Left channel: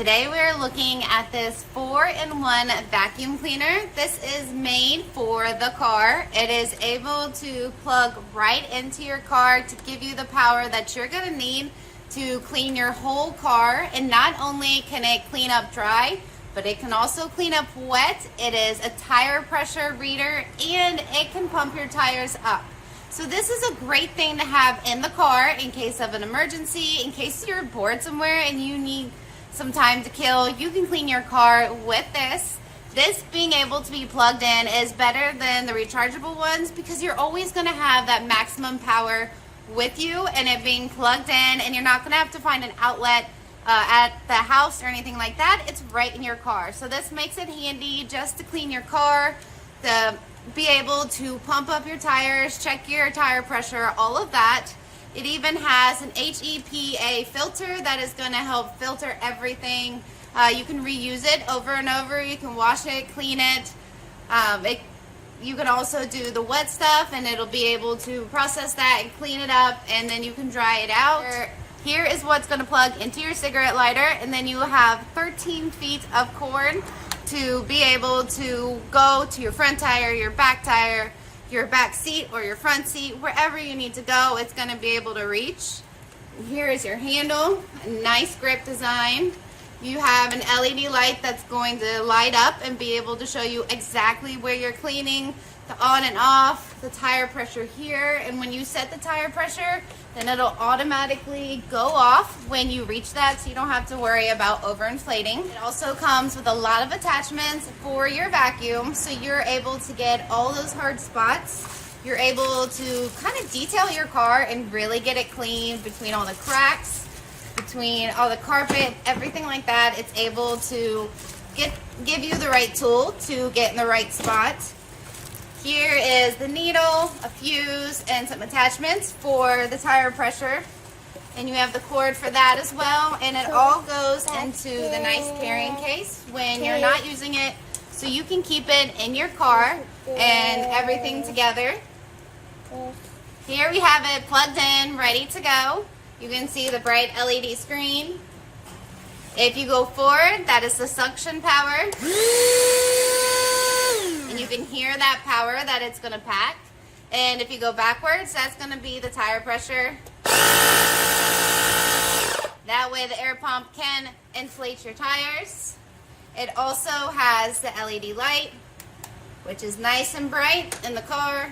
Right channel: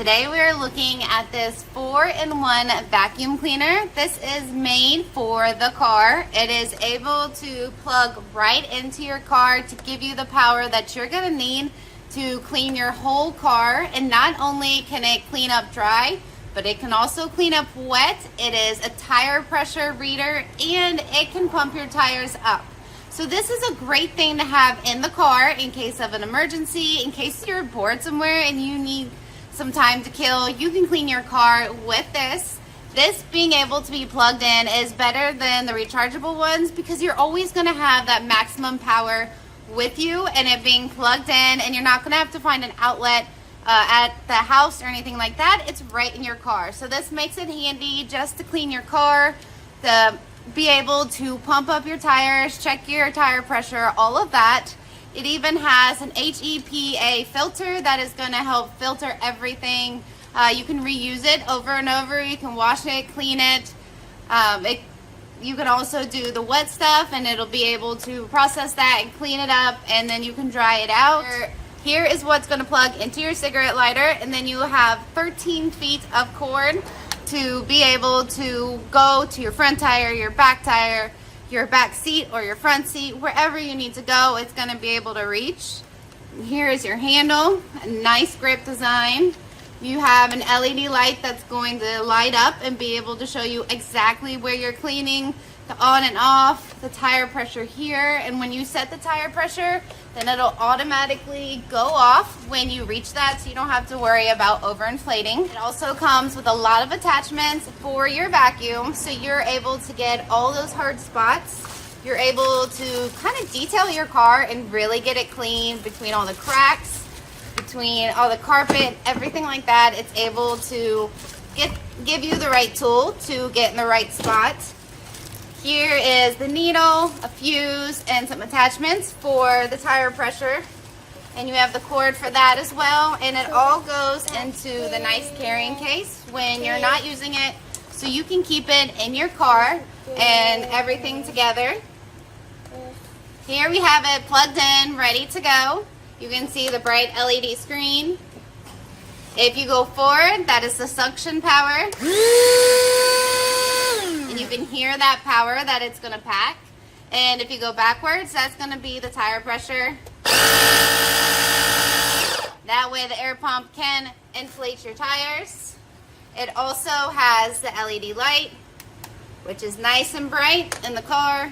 Today we are looking at this 4-in-1 vacuum cleaner. This is made for the car. It is able to plug right into your car to give you the power that you're going to need to clean your whole car. And not only can it clean up dry, but it can also clean up wet. It is a tire pressure reader and it can pump your tires up. So this is a great thing to have in the car in case of an emergency, in case you're bored somewhere and you need some time to kill. You can clean your car with this. This being able to be plugged in is better than the rechargeable ones because you're always going to have that maximum power with you and it being plugged in, and you're not going to have to find an outlet at the house or anything like that. It's right in your car. So this makes it handy just to clean your car, to be able to pump up your tires, check your tire pressure, all of that. It even has an HEPA filter that is going to help filter everything. You can reuse it over and over. You can wash it, clean it. You can also do the wet stuff and it'll be able to process that and clean it up, and then you can dry it out. Here is what's going to plug into your cigarette lighter, and then you have 13 feet of cord to be able to go to your front tire, your back tire, your back seat, or your front seat, wherever you need to go, it's going to be able to reach. Here is your handle, a nice grip design. You have an LED light that's going to light up and be able to show you exactly where you're cleaning, the on and off, the tire pressure here, and when you set the tire pressure, then it'll automatically go off when you reach that, so you don't have to worry about overinflating. It also comes with a lot of attachments for your vacuum, so you're able to get all those hard spots. You're able to kind of detail your car and really get it clean between all the cracks, between all the carpet, everything like that. It's able to give you the right tool to get in the right spot. Here is the needle, a fuse, and some attachments for the tire pressure. And you have the cord for that as well. And it all goes into the nice carrying case when you're not using it. So you can keep it in your car and everything together. Here we have it plugged in, ready to go. You can see the bright LED screen. If you go forward, that is the suction power. And you can hear that power that it's going to pack. And if you go backwards, that's going to be the tire pressure. That way the air pump can inflate your tires. It also has the LED light, which is nice and bright in the car.